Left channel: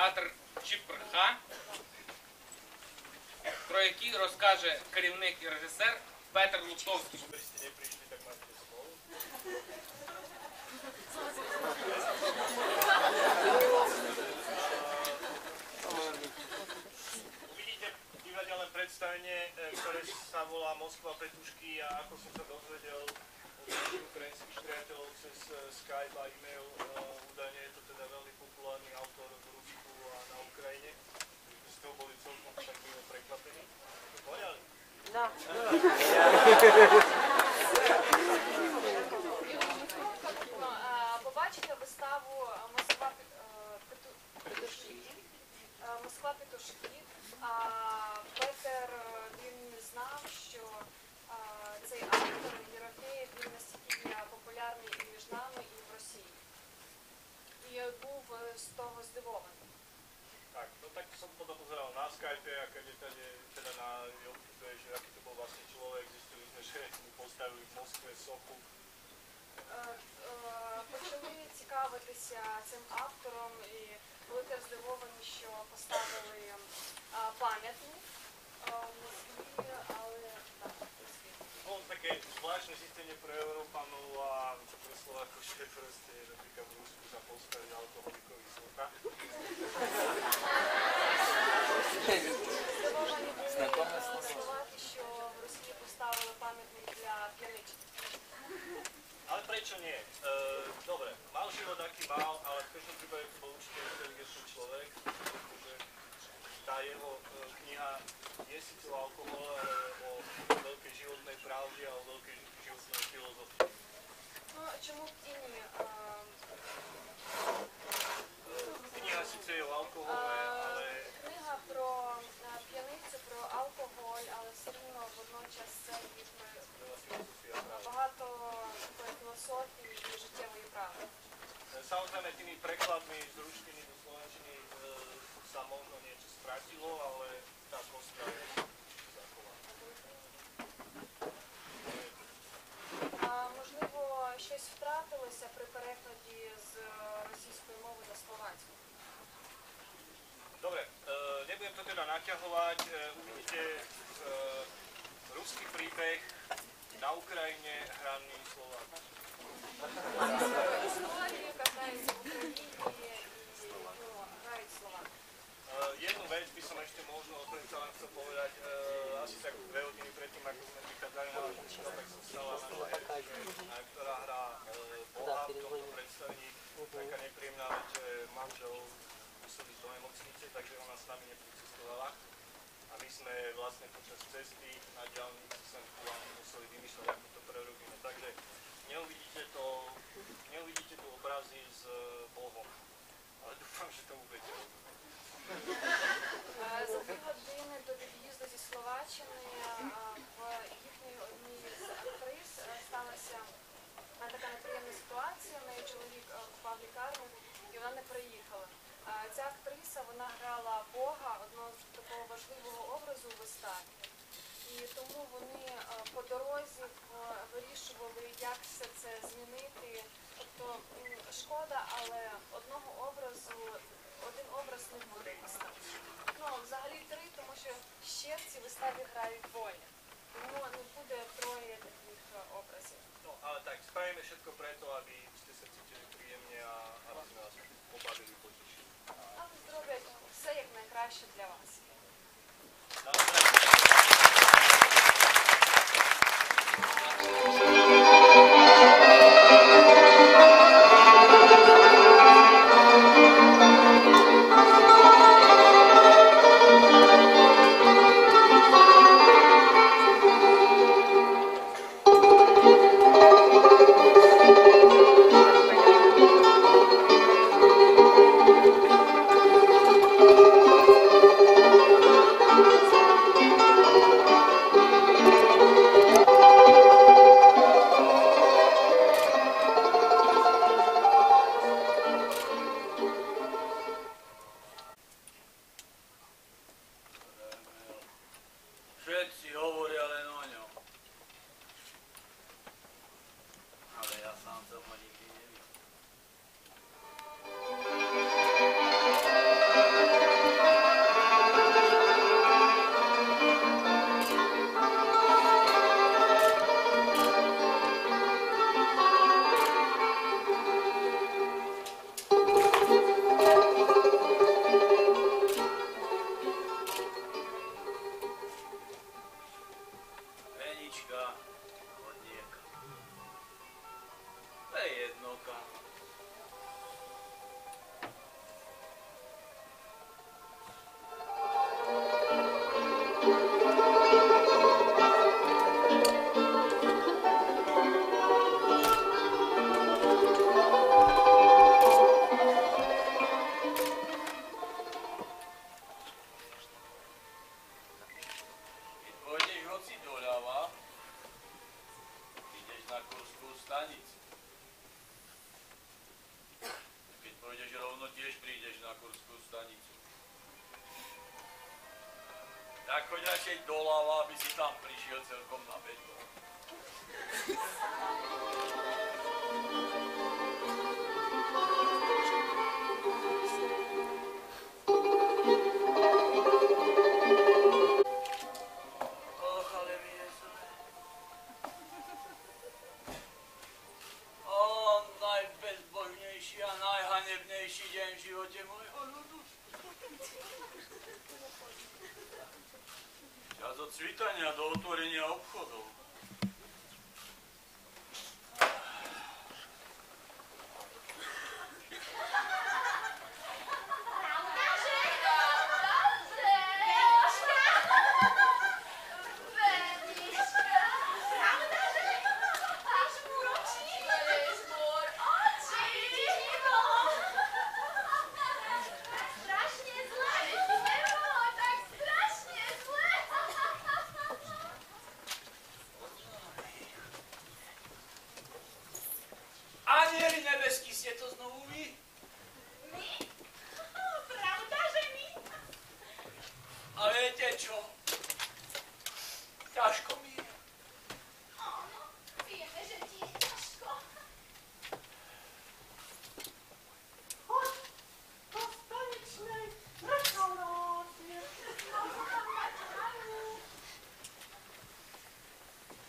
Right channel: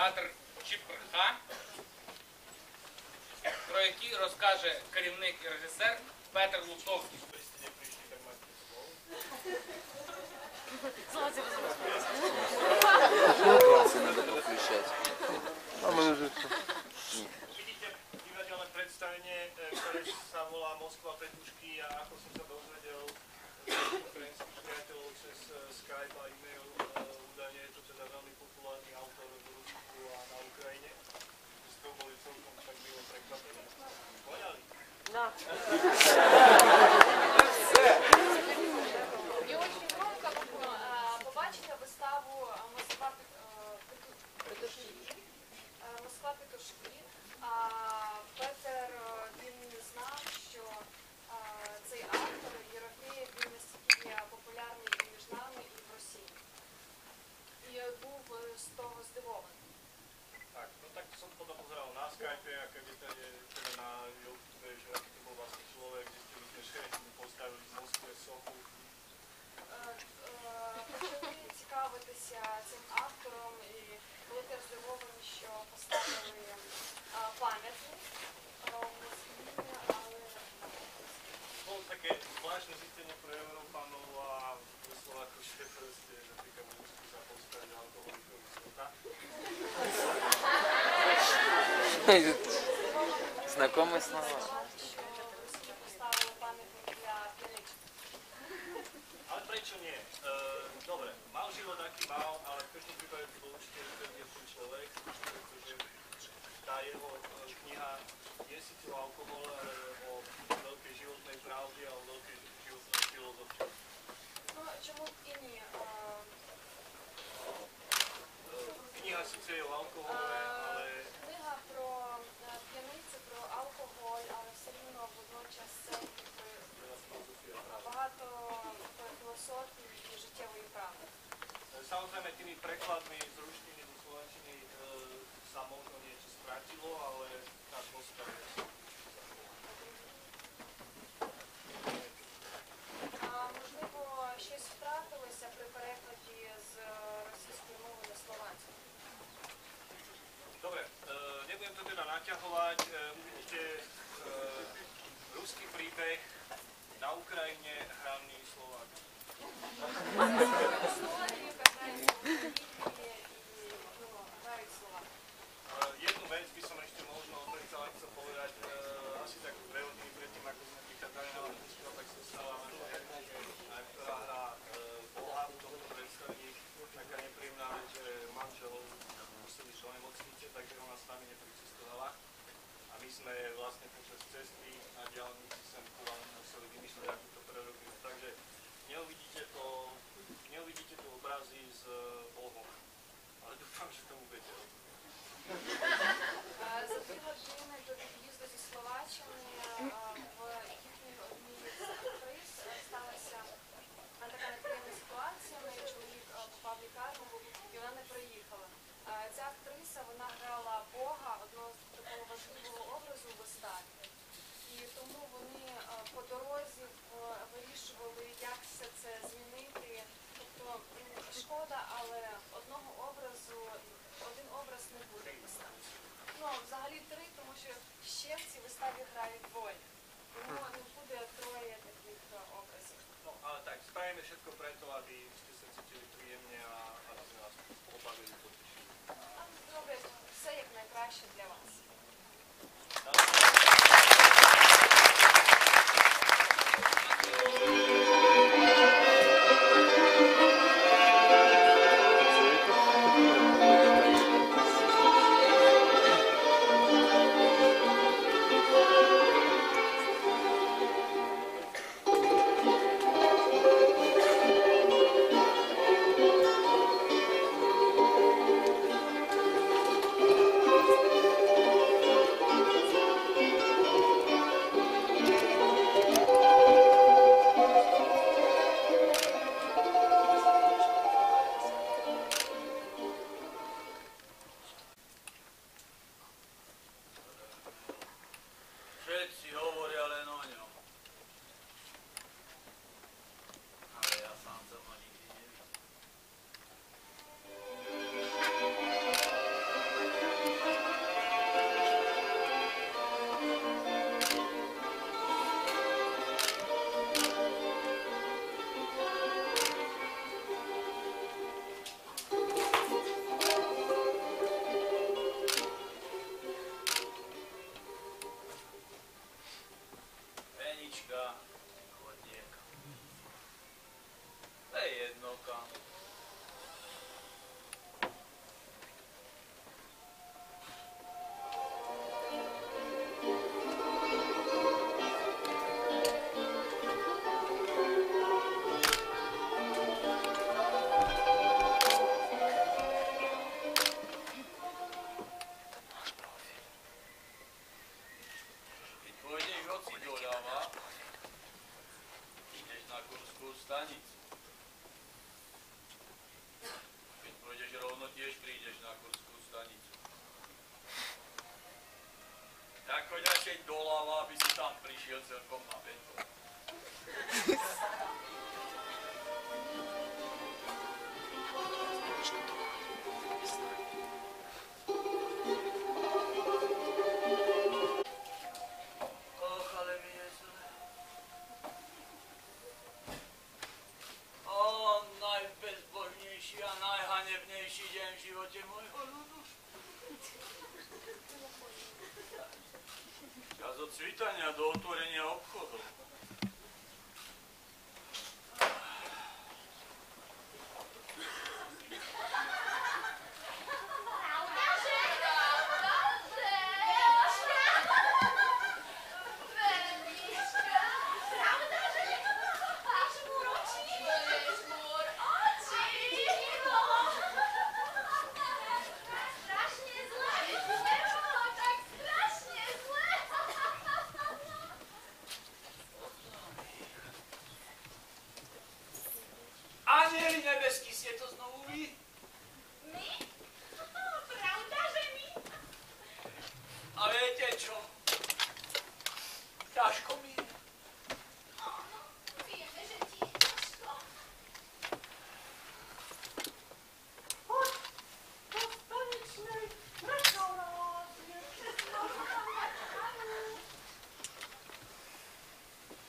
театр Чіпрха, про який розкаже керівник і режисер Петр Лутовський. Прийшли, не прийшли, так máte slovo. Uvidíte divadelné predstavenie, ktoré sa volá Moskva Petušky, a ako som sa dozvedel od ukrajinských priateľov cez Skype a e-mail, údajne je to teda veľmi populárny autor v Rusku a na Ukrajine. My z toho boli celkom tak milo prekvapení. Poňali? Да. І очень коротко побачити виставу Москва Петушки. Петер, він не знав, що цей автор Єрофеєв, він настільки популярний і між нами, і в Росії. І був з того здивований. Tak, no tak som potom pozeral na Skype, a keď je teda na YouTube, že aký to bol vlastne človek, zistili sme, že mu postavili v Moskve sochu. Почали цікавитися цим автором і були теж здивовані, що поставили пам'ятник в Москві, але Bolo také zvláštne zistenie pre Európanov a pre Slovákov, že proste napríklad v Rusku sa postavili alkoholikovi socha. Знакомый с ним. що в Росії поставили пам'ятник для п'яничок. Ale prečo nie? Dobre, mal život aký mal, ale v každom prípade to bol určite inteligentný človek, pretože tá jeho kniha je síce o alkohole, ale o veľkej životnej pravde a o veľkej životnej filozofii. Ну, чому б і ні? Kniha síce je o alkohole, ale Книга про п'яницю, про алкоголь, але все рівно водночас це veľa filozofia pravda. багато такої філософії і життєвої правди. Samozrejme, tými prekladmi z ruštiny do slovenčiny sa možno niečo stratilo, ale tá koska je zachovaná. Можливо, щось втратилося при перекладі з російської мови на словацьку. Dobre, nebudem to teda naťahovať, uvidíte ruský príbeh na Ukrajine hraný Slovák. Історію, яка грається в Україні і грають слова. Jednu vec by som ešte možno predsa len chcel povedať, asi tak 2 hodiny predtým, ako sme prichádzali na váš festival, tak som stala naša herečka, ktorá hrá Boha v tomto predstavení. Taká nepríjemná vec, že manžel musel ísť do nemocnice, takže ona s nami nepricestovala. A my sme vlastne počas cesty na diaľnici sem ku vám museli vymýšľať, ako to prerobíme. Takže neuvidíte tu obrazy s Bohom, ale dúfam, že tomu budete rozumieť. За 2 години до від'їзду зі Словаччини в їхній одній з актрис сталася така неприємна ситуація. В неї чоловік попав в лікарню і вона не приїхала. Ця актриса, вона грала Бога, одного з такого важливого образу у виставі. І тому вони по дорозі вирішували, як все це змінити. Тобто шкода, але один образ не буде вистави. Ну, взагалі 3, тому що ще в цій виставі грають двоє. Тому не буде 3 таких образів. No, ale tak, spravíme všetko preto, aby ste sa cítili príjemne a aby sme vás pobavili, potešili. Але зроблять все як найкраще для вас. choď radšej doľava, aby si tam prišiel celkom na betón. Och, ale mi je zle. Najbezbožnejší a najhanebnejší deň v živote môjho ľudu. Čas od svitania do otvorenia obchodov. Anieli nebeský, ste to znovu vy? My? Pravda, že my? A viete čo? Ťažko mi je. Áno, vieme, že ti je ťažko. Poď do staničnej reštaurácie.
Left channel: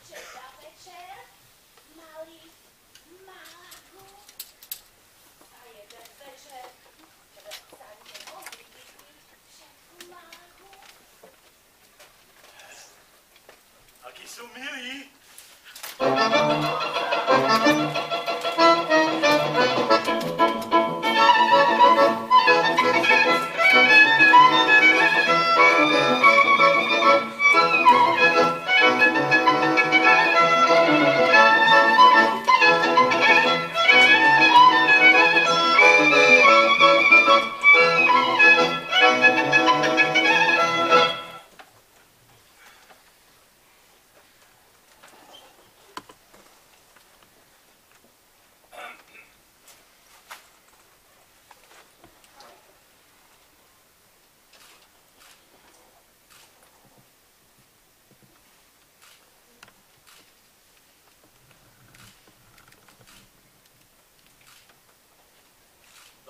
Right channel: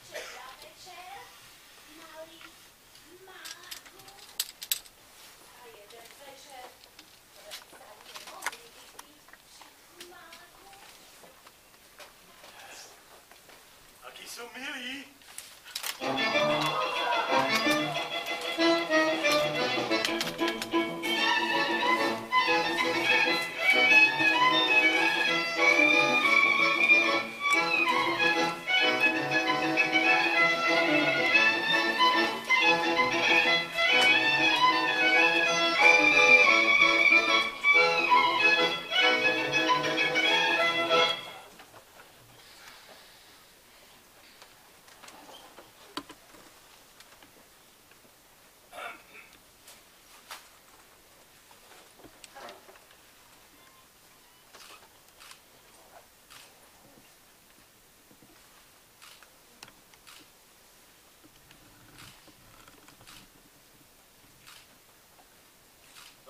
Včera večer mali Malagu a jeden večer sa nemohli vypiť všetku Malagu. Akí sú milí.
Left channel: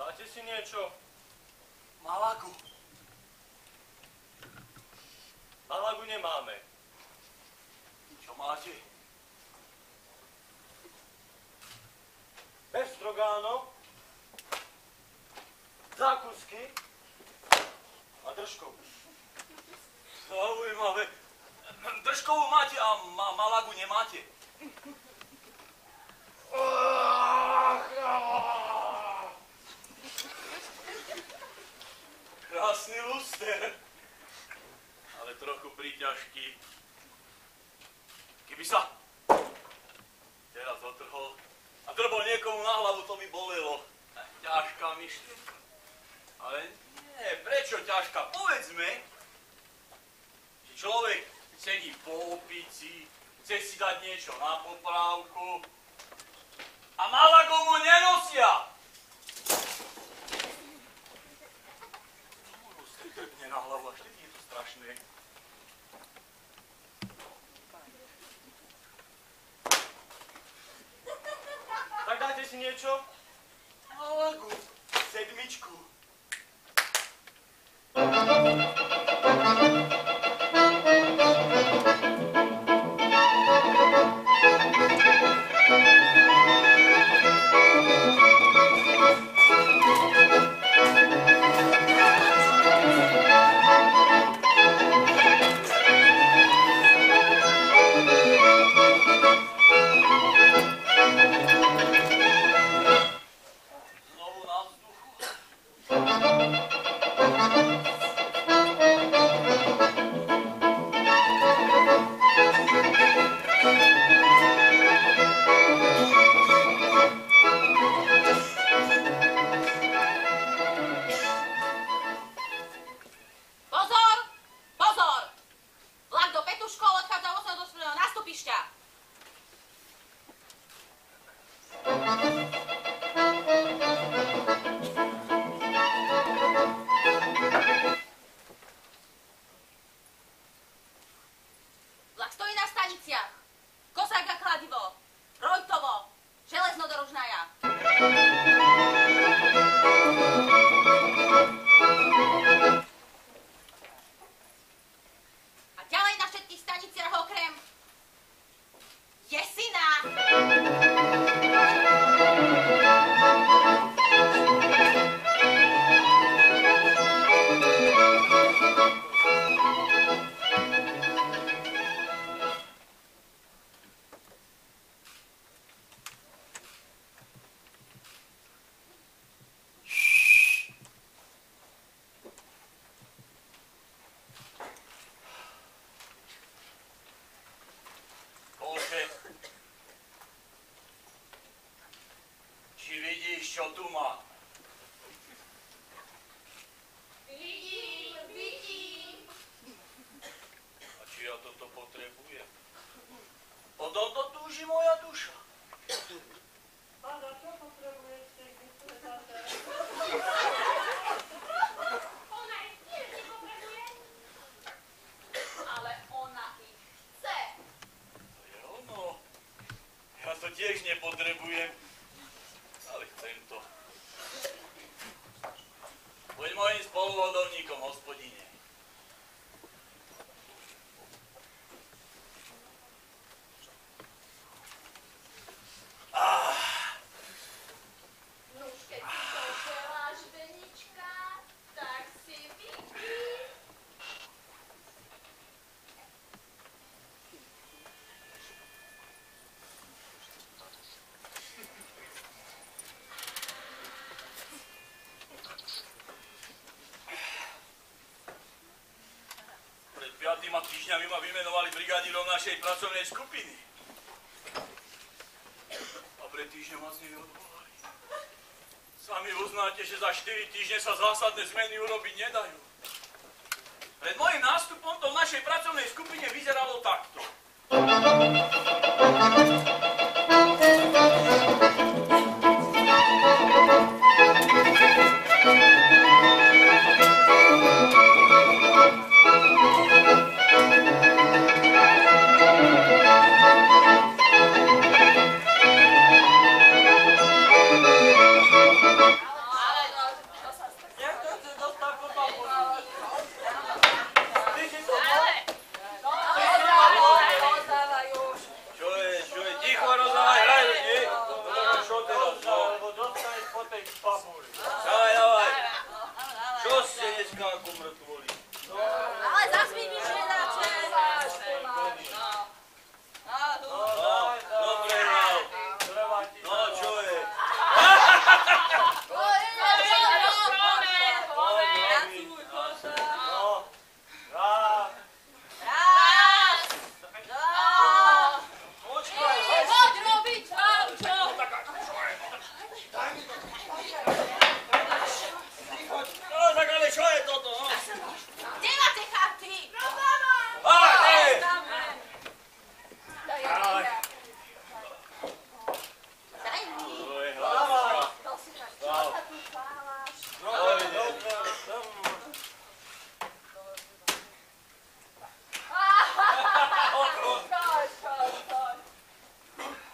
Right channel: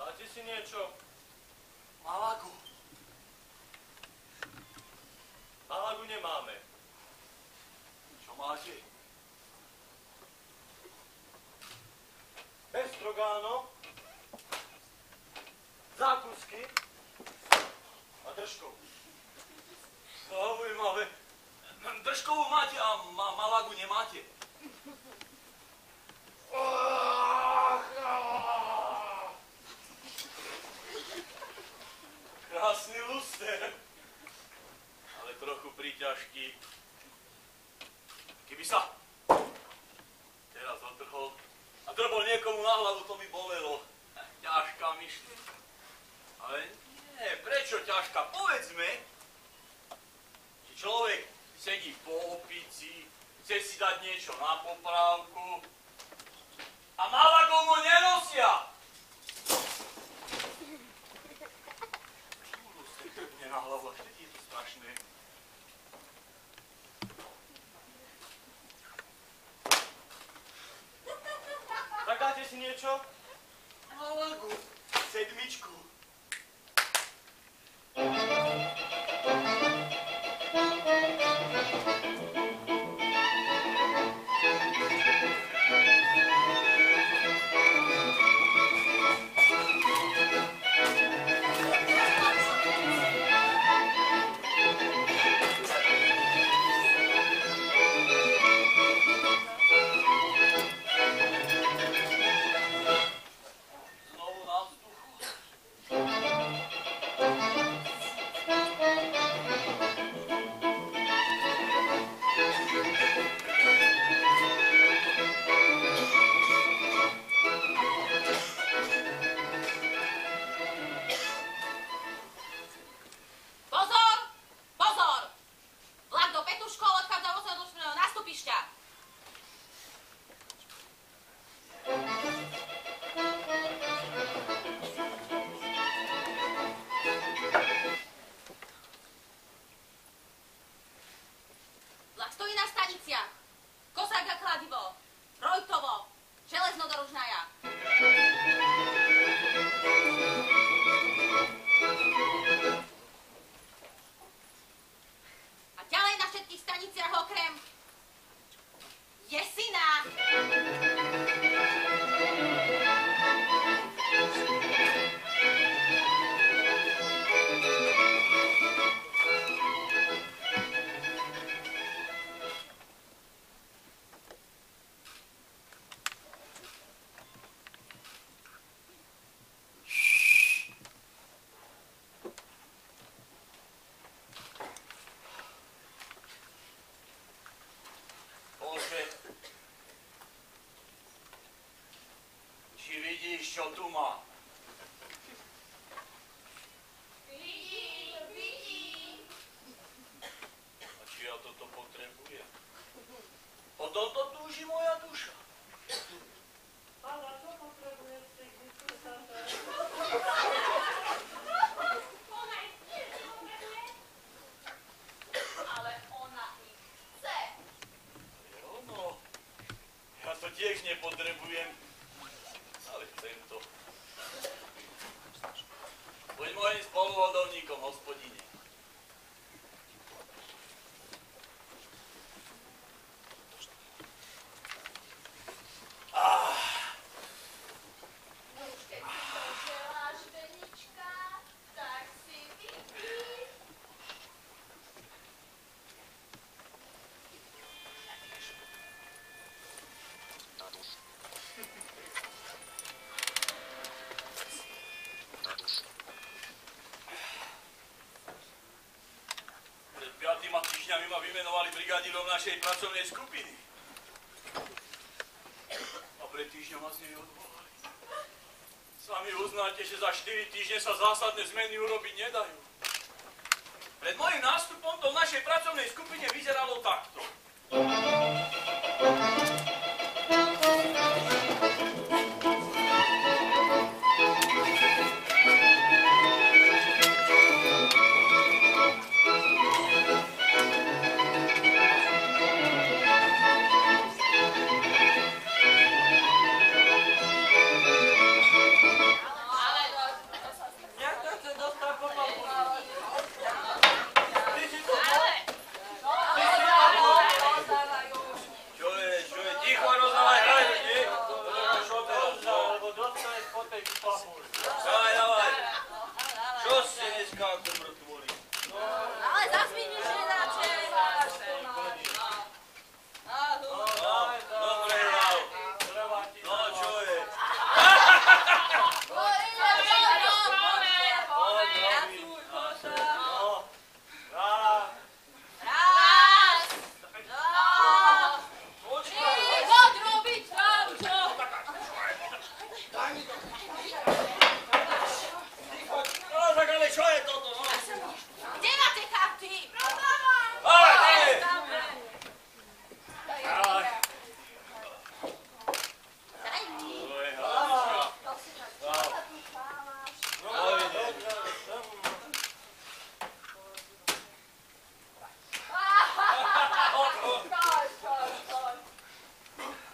Dáte si niečo? Malagu. Malagu nemáme. Čo máte? Bestrogánov, zákusky a držkovú. Zaujímavé. Držkovú máte a Malagu nemáte. Krásny luster, ale trochu príťažký. Keby sa teraz otrhol a drbol niekomu na hlavu, to by bolelo. Ťažká myšlienka. Ale nie, prečo ťažká? Povedzme, že človek sedí po opici, chce si dať niečo na poprávku a Malagu mu nenosia. Trpne na hlavu, až vtedy je to strašné. Tak dáte si niečo? Malagu, sedmičku. čo tu mám? Vidím. A či ja toto potrebujem? O tomto túži moja duša. A na čo potrebujete vysvetľať? Ona ich tiež nepotrebuje. Ale ona ich chce. To je ono. Ja to tiež nepotrebujem, ale chcem to. Buď mojim spoluvodovníkom, hospodine. Nuž, keď si to želáš, Benička, tak si vypí. Pred 5 týždňami ma vymenovali brigádírom našej pracovnej skupiny. A pred týždňom ma z nej odvolali. Sami uznáte, že za 4 týždne sa zásadné zmeny urobiť nedajú. Pred mojím nástupom to v našej pracovnej skupine vyzeralo takto. Jak to chce dostať po papu? Ty si to Čo je, ticho rozdávaj, hraj, nie? Čo teraz? lebo dostaneš po tej papuli. Dávaj. Čo ste dneska ako mŕtvoli? Ale zas vidíš, že Dobre, hral. No, čo je? No, tak ale čo je toto, no? Kde máte chaty? Ale, Daj mi. to je hlavička.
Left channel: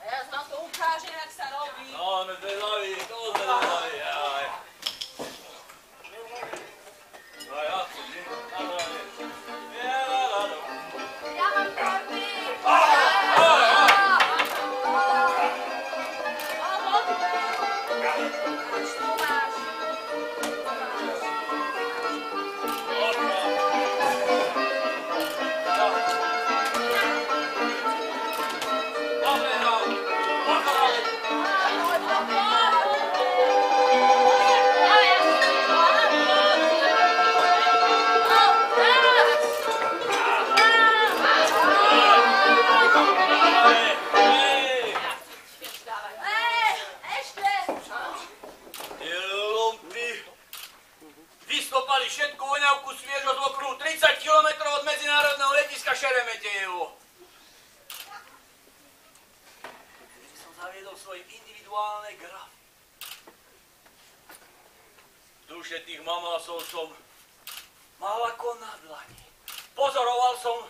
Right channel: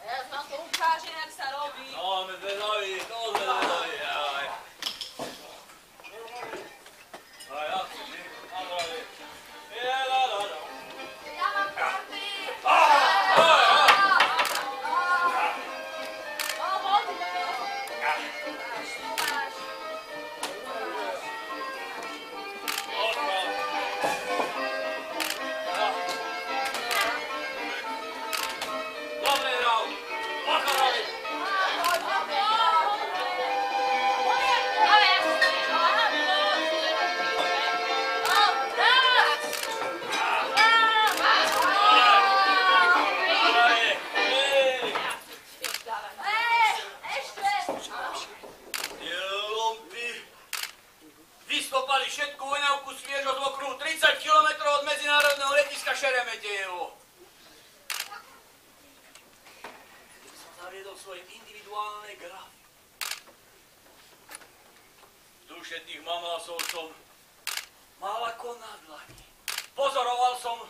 Ja vám to ukážem, jak sa robí. No, sme zvedaví, to sme zvedaví, aj. No, ja tu, nie? Na zdravie. Ja mám karty. Dobre, no. Pochorali. Vystopali všetku voňavku sviežo z okruhu 30 km od medzinárodného letiska Šeremetejevo. Som zaviedol svoje individuálne grafy. Duše tých mamásov som mal ako na dlani. Pozoroval som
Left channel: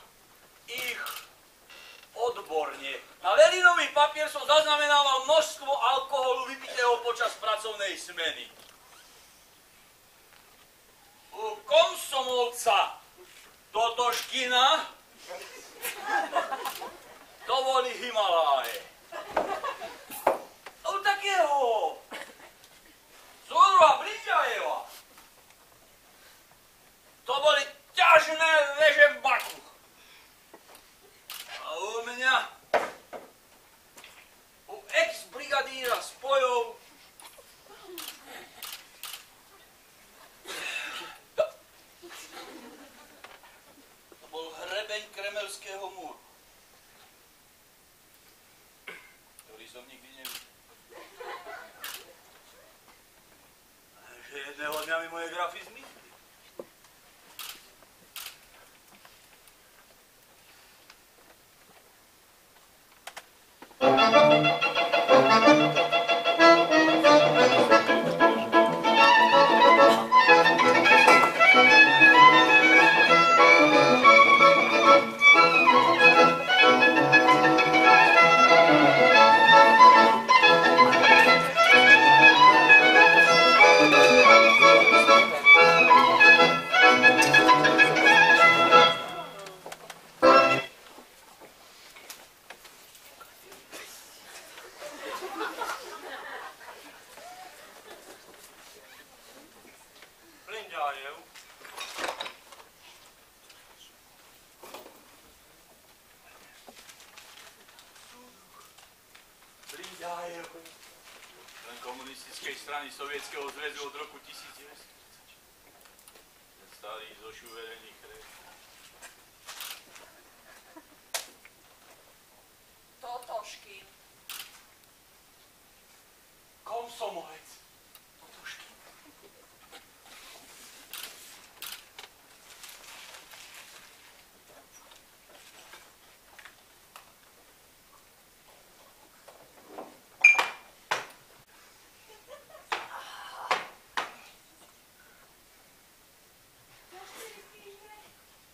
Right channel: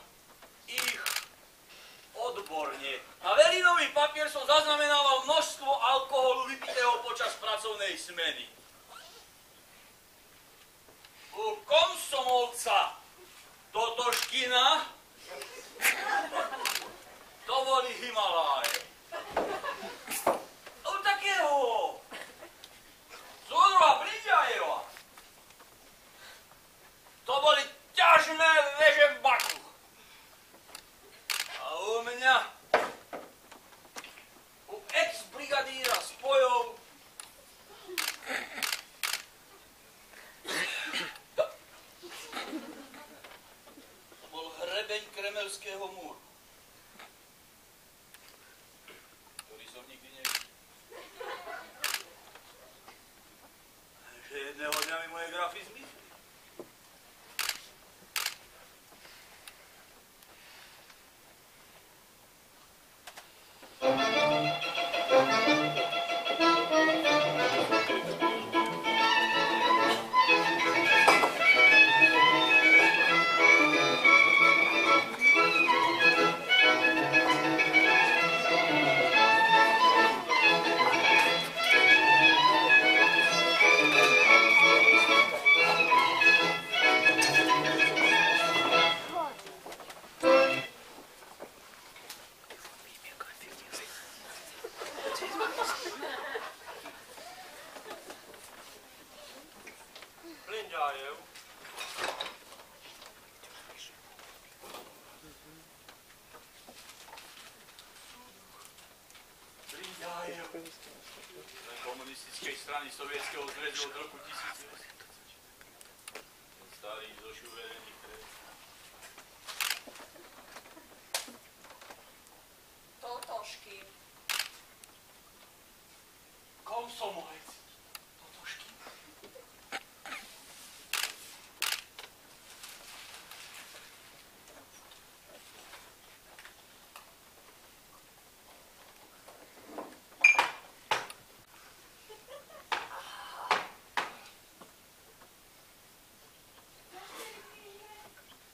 ich odborne. Na velinový papier som zaznamenával množstvo alkoholu vypitého počas pracovnej smeny. U Komsomolca Totoškina to boli Himaláje. U takého Zolra Bridjajeva to boli ťažné veže v Baku. A u mňa, u ex-brigadíra spojov, to bol hrebeň Kremelského múru, ktorý som nikdy nevidel. Lindájev. Lindájev. Člen komunistickej strany Sovietskeho zväzu od roku 1920. Ten starý zošuverený chreb. Totoškin. Komsomolec. Totoškin.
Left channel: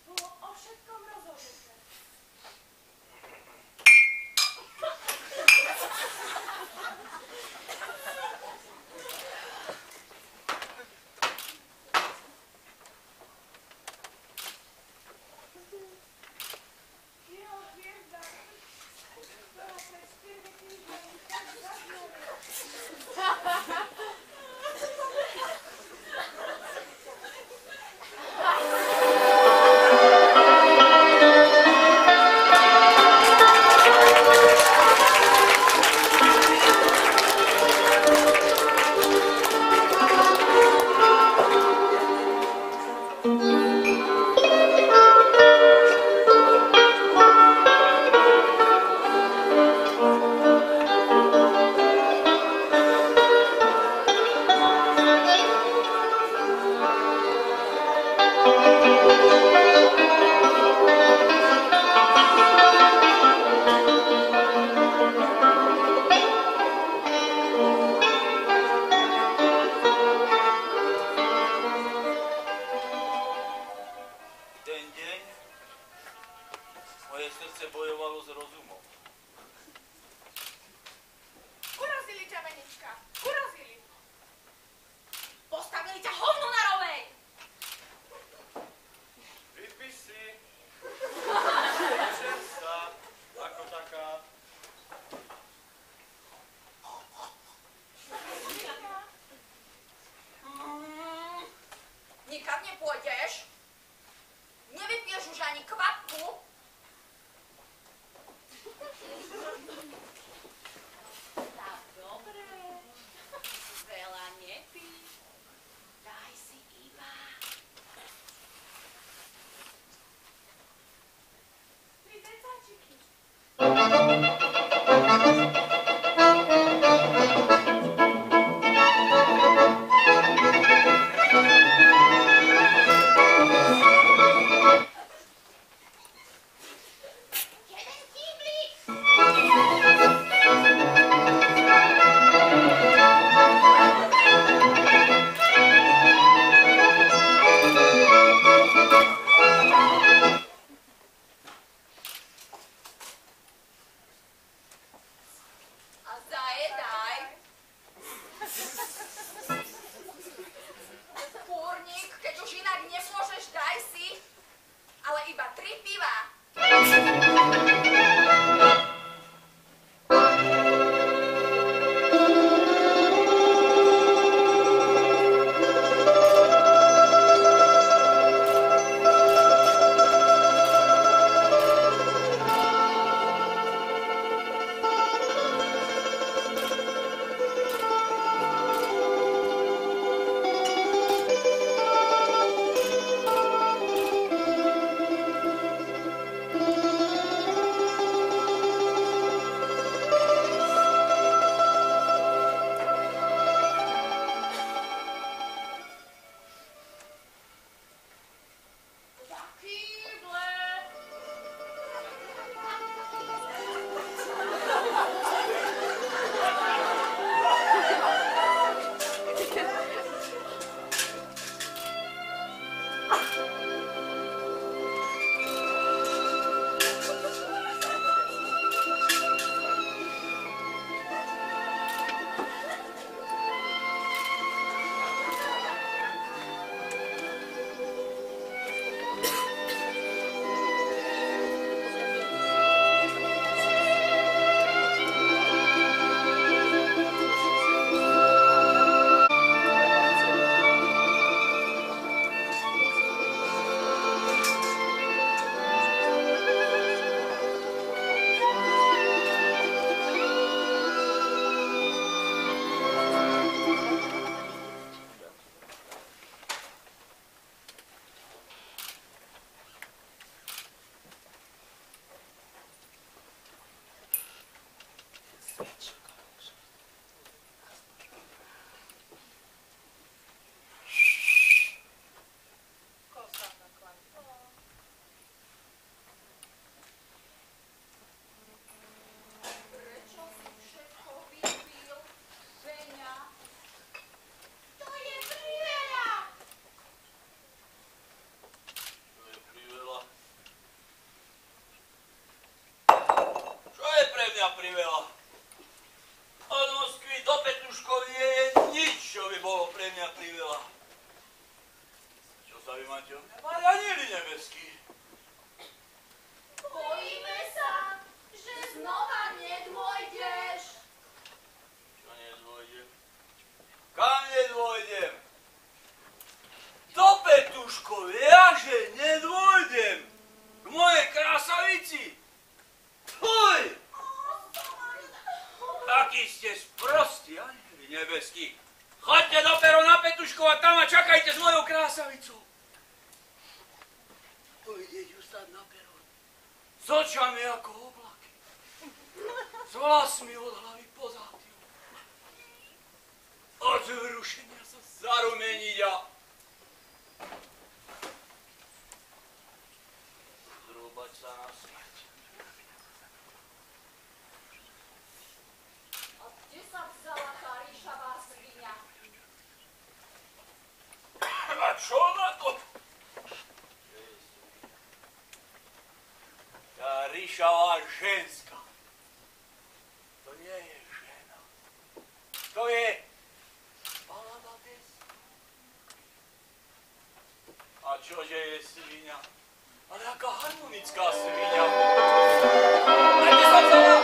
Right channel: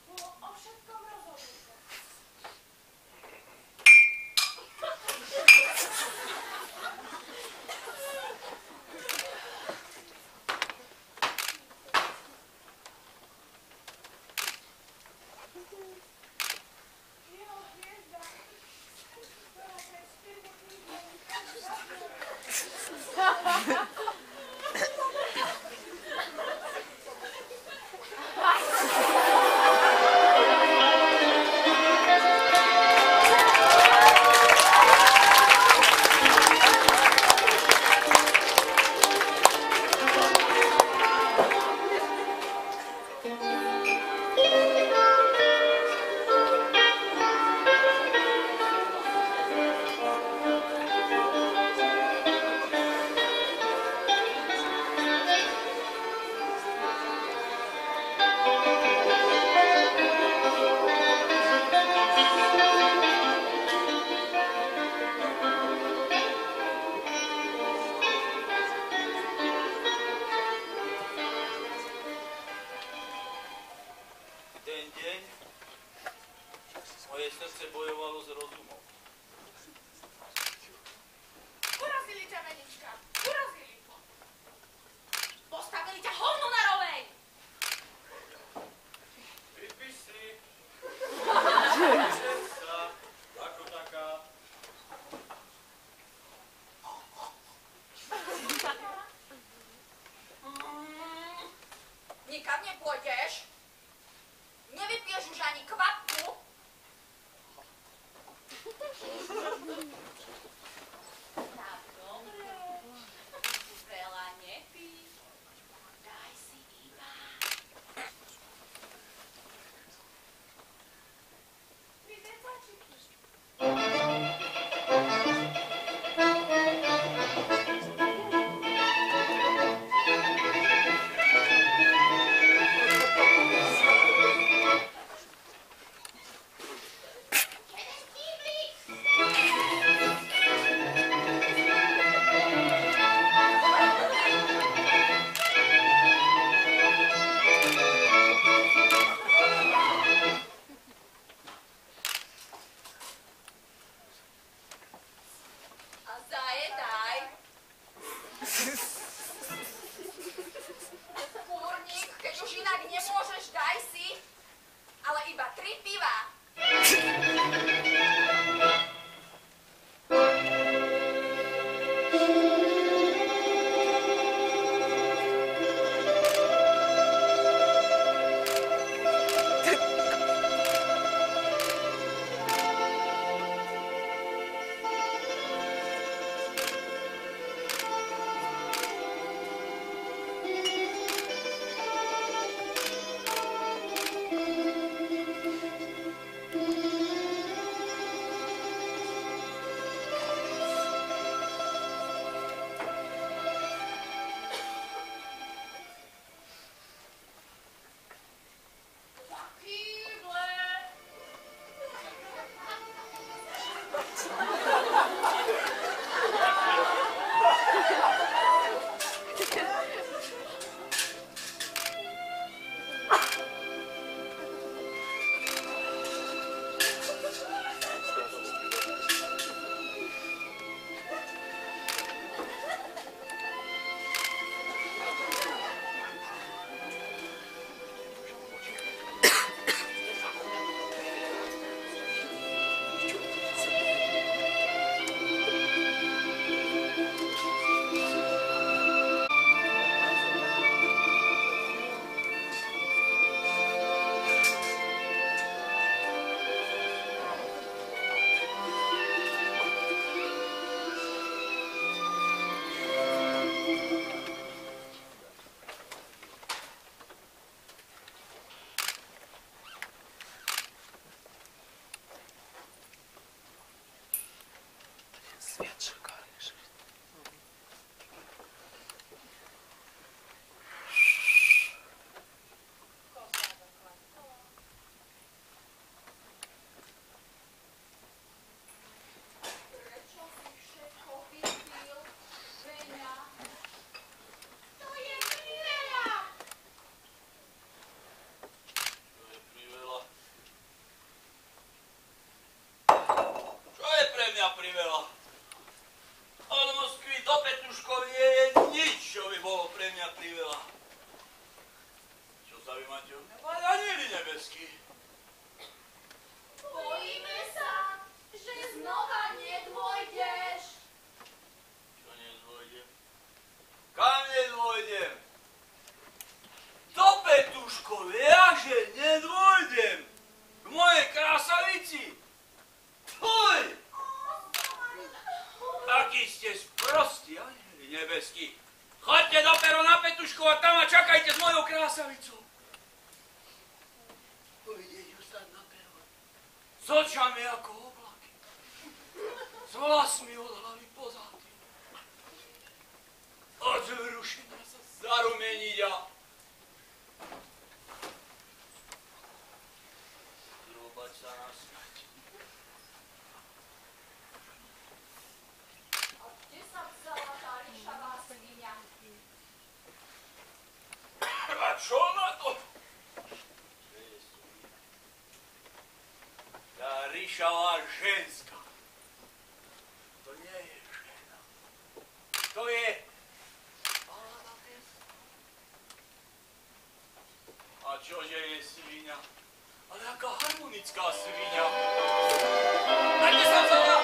Bolo o všetkom rozhodnuté. Jeho hviezda, ktorá pred 4 týždňami tak zaznela. Ten deň moje srdce bojovalo s rozumom. Urazili ťa, Venička, urazili. Postavili ťa hovno na rovej. Vypí si. Vyžer sa. Ako taká. Nikam nepôjdeš? Nevypiješ už ani kvapku? Tak dobre. Veľa nepí. Daj si iba. Tri decačiky. že nedôjdem k mojej krásavici? Fuj! Akí ste sprostí, anieli nebeskí. Choďte do Pero na Petuškov a tam a čakajte s mojou krásavicou. Pôjdeš ju stať na peron. S očami ako oblaky. S vlasmi od hlavy po zátiu. Od vzrušenia sa zarumeniť a zrúbať sa na smrť. A kde sa vzala tá ríšavá sviňa? A čo na to? Tá ríšavá ženská. To nie je žena. To je balada pesna. A čože je sviňa? Ale aká harmonická sviňa. A kde sa vzala?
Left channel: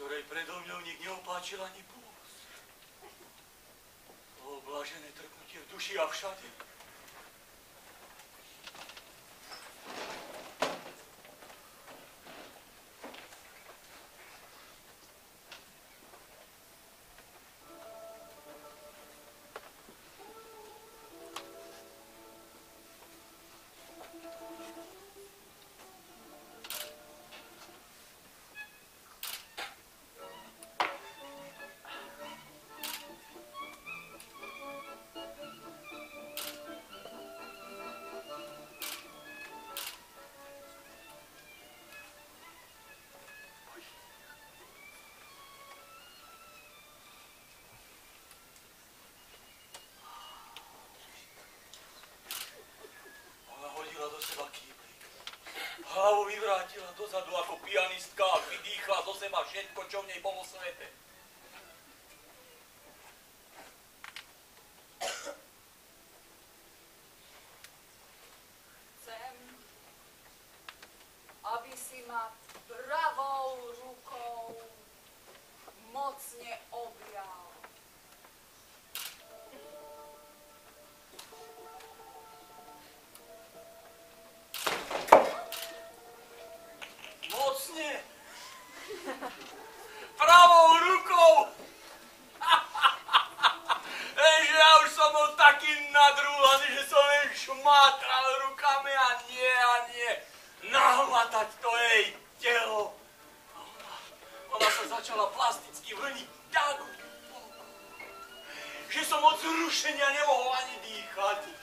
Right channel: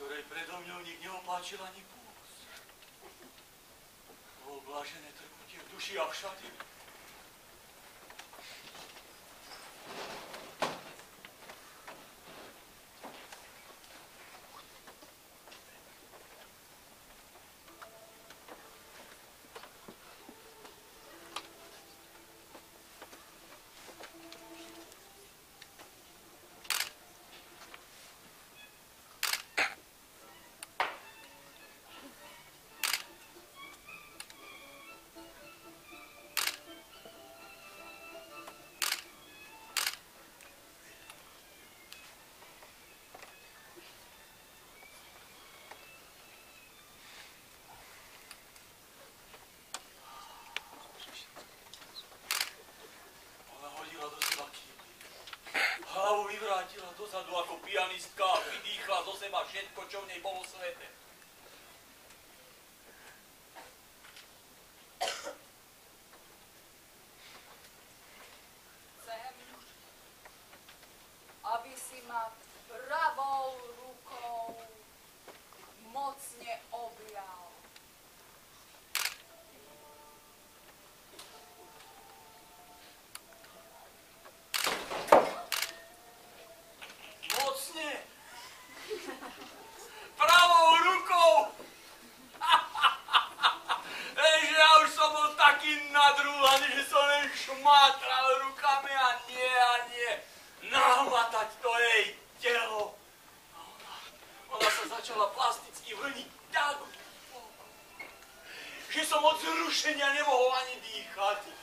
Dobre, predo mňou nik neopáčil ani pús. O blažené trpnutie v duši a všade. pianistka a vydýchla zo seba všetko, čo v nej bolo svete. Chcem, aby si ma pravou rukou mocne objal. Mocne! Pravou rukou! Že ja už som bol taký nadrúhaný, že som len šmátral rukami a nie. Nahmatať to jej telo. A ona sa začala plasticky vrniť tak, že som od zrušenia nemohol ani dýchať.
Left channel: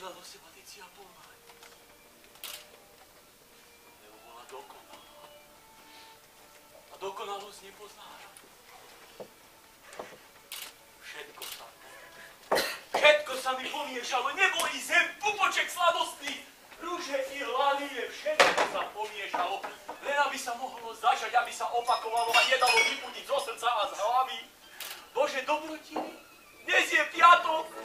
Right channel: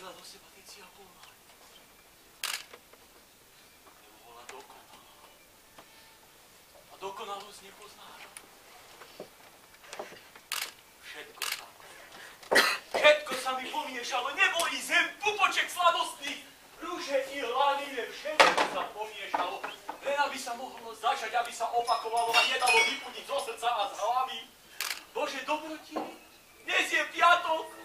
Do seba tycia pomaly. Lebo bola dokonalá. A dokonalosť nepoznáš. Všetko sa mi pomiešalo. Nebo i zem, pupoček sladostný, rúže i hladine, všetko sa pomiešalo. Len aby sa mohlo začať, aby sa opakovalo a nedalo vypudiť zo srdca a z hlavy. Bože dobrotiny, dnes je piatok.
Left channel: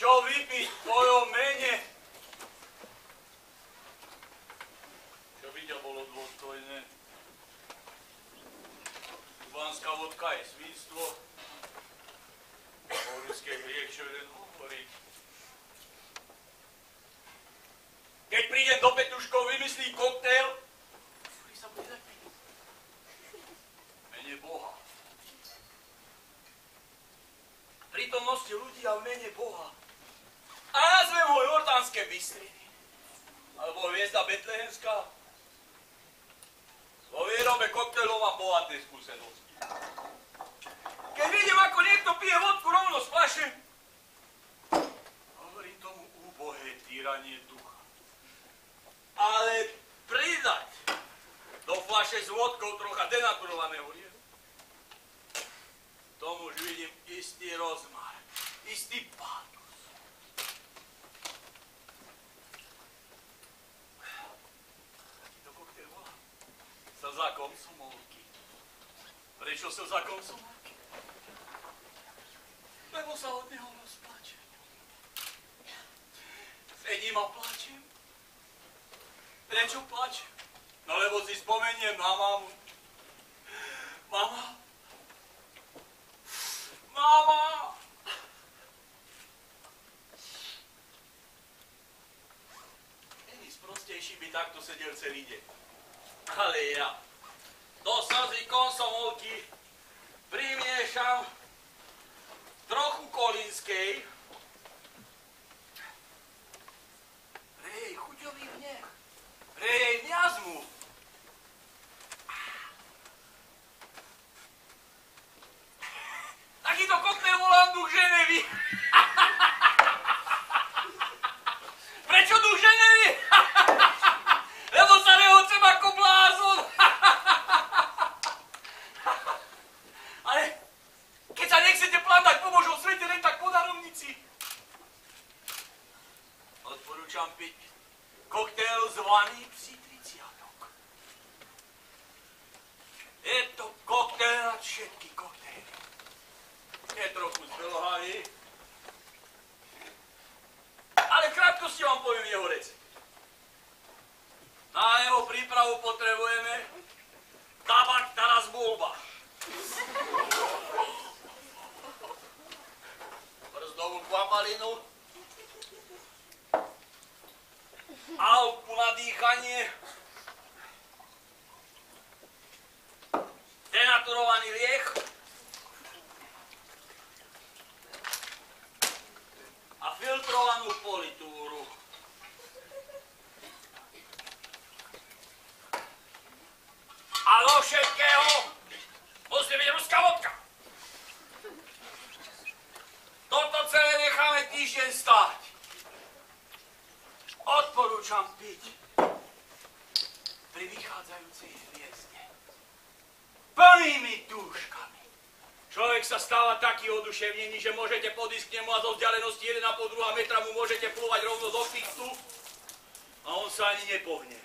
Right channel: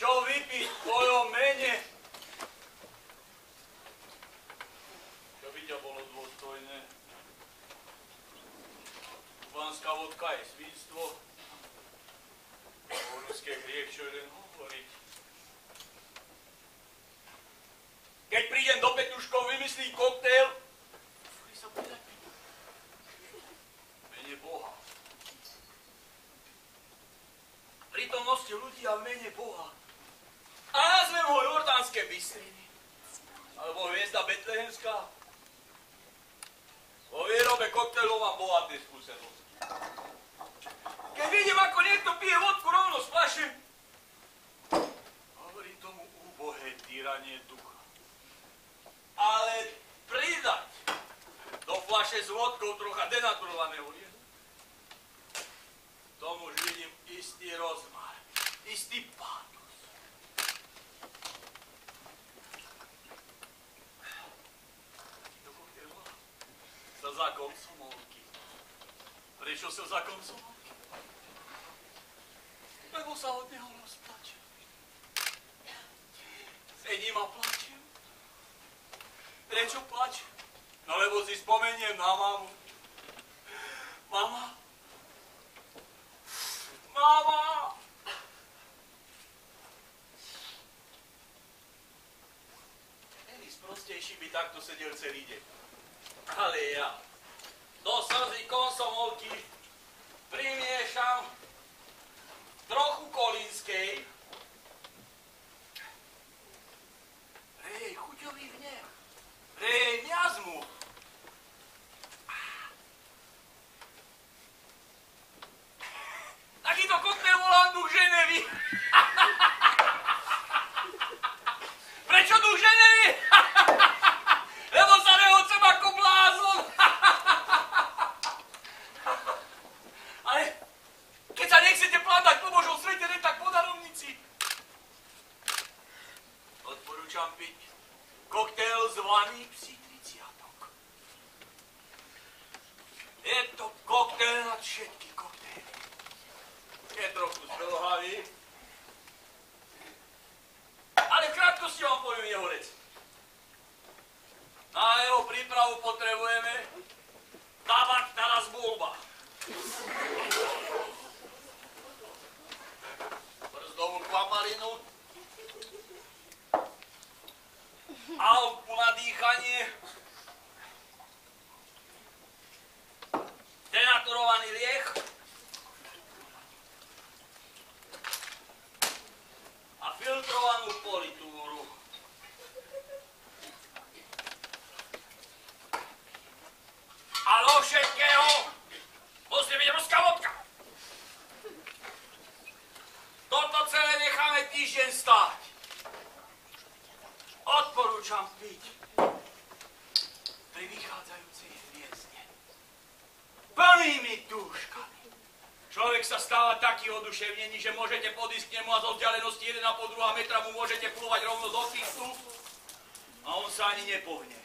Čo vypiť v tvojom mene? Čo by ťa bolo dôstojné? Kubánska vodka je svinstvo. O ruské hriech, čo jeden hovoriť. Keď prídem do Petuškov, vymyslí koktail, ktorý sa bude tak piť. Mene Boha. Prítomnosti ľudí a v mene Boha. A nazvem ho Jordánske Bystriny. Alebo hviezda Betlehemská. Vo výrobe koktejlov mám bohaté skúsenosti. Keď vidím, ako niekto pije vodku rovno z fľaše, hovorím tomu úbohé týranie ducha. Ale pridať do fľaše s vodkou trocha denaturovaného liedu, tomu už vidím istý rozmar, istý pátos. Takýto koktejl volá Slza komsomolky. Prečo slza komsomolky? Lebo sa od neho rozplačem. Sedím a plačem. Prečo plačem? No lebo si spomeniem na mamu. Mama. Mama! Any sprostejší by takto sedel celý deň. Ale ja do slzy komsomolky primiešam trochu kolínskej piť koktail zvaný Psí 30. Je to koktail nad všetky koktaily. Je trochu zdlhavý, ale v krátkosti vám poviem jeho recept. Na jeho prípravu potrebujeme tabak Taras Bulba, brzdovú kvapalinu, alku na dýchanie, denaturovaný liek a filtrovanú politúru. A do všetkého musí byť ruská vodka. Toto celé necháme týždeň stáť. Odporúčam piť pri vychádzajúcej hviezde plnými dúškami. Človek sa stáva taký oduševnený, že môžete podísť k nemu a zo vzdialenosti 1,5–2 metra mu môžete plúvať rovno do ksichtu a on sa ani nepohne.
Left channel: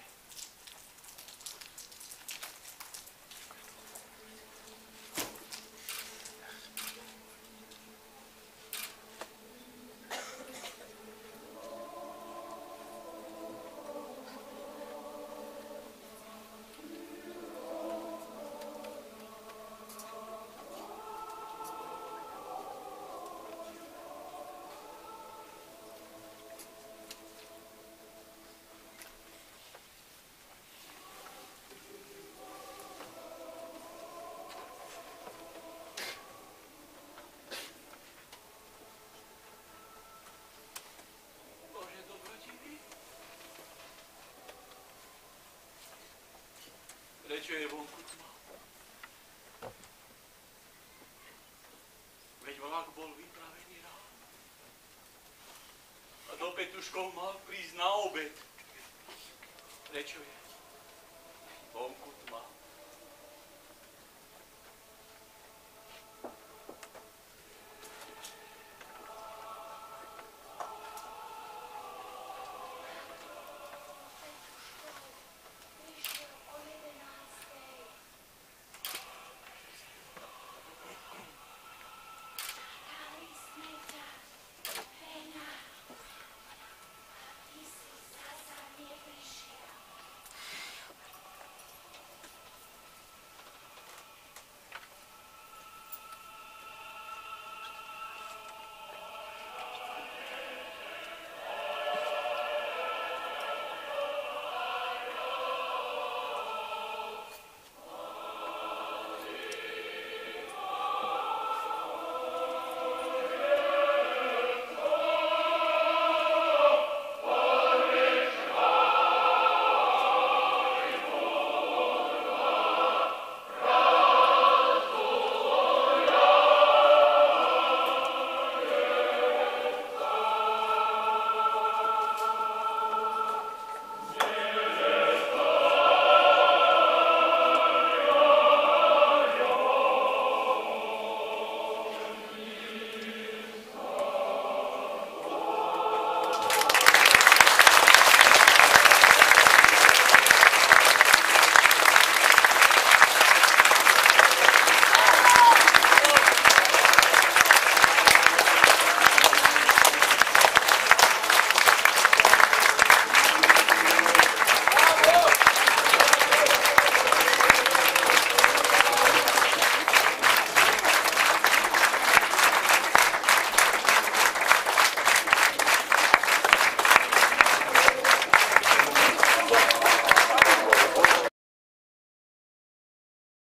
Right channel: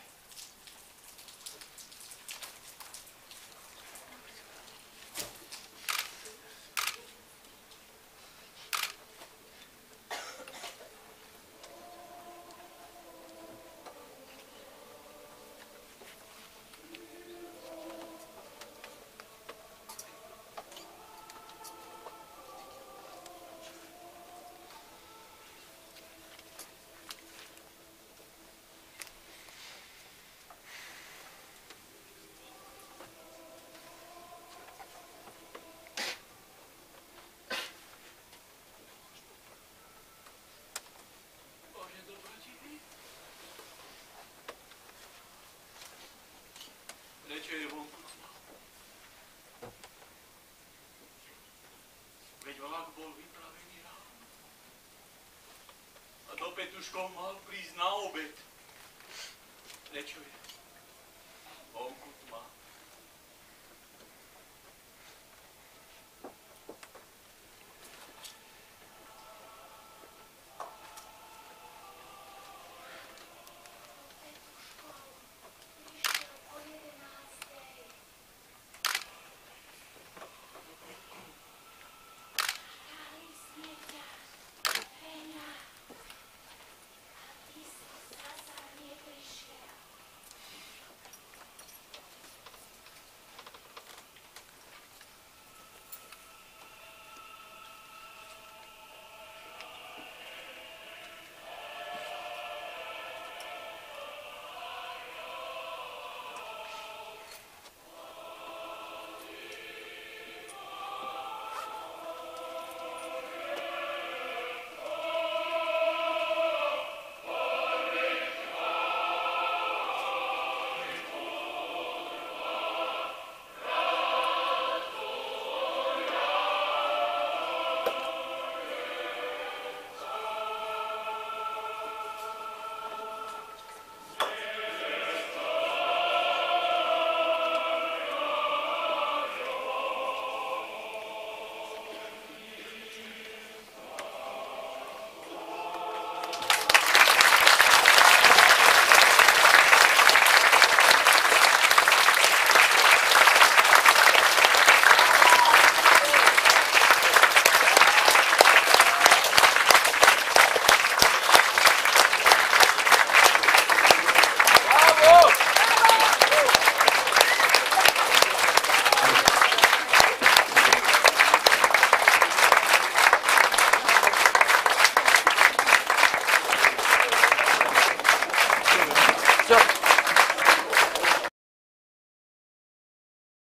Prečo je vonku tma? Veď vlak bol vypravený ráno. A do Petuškov mal prísť na obed. Prečo je vonku tma?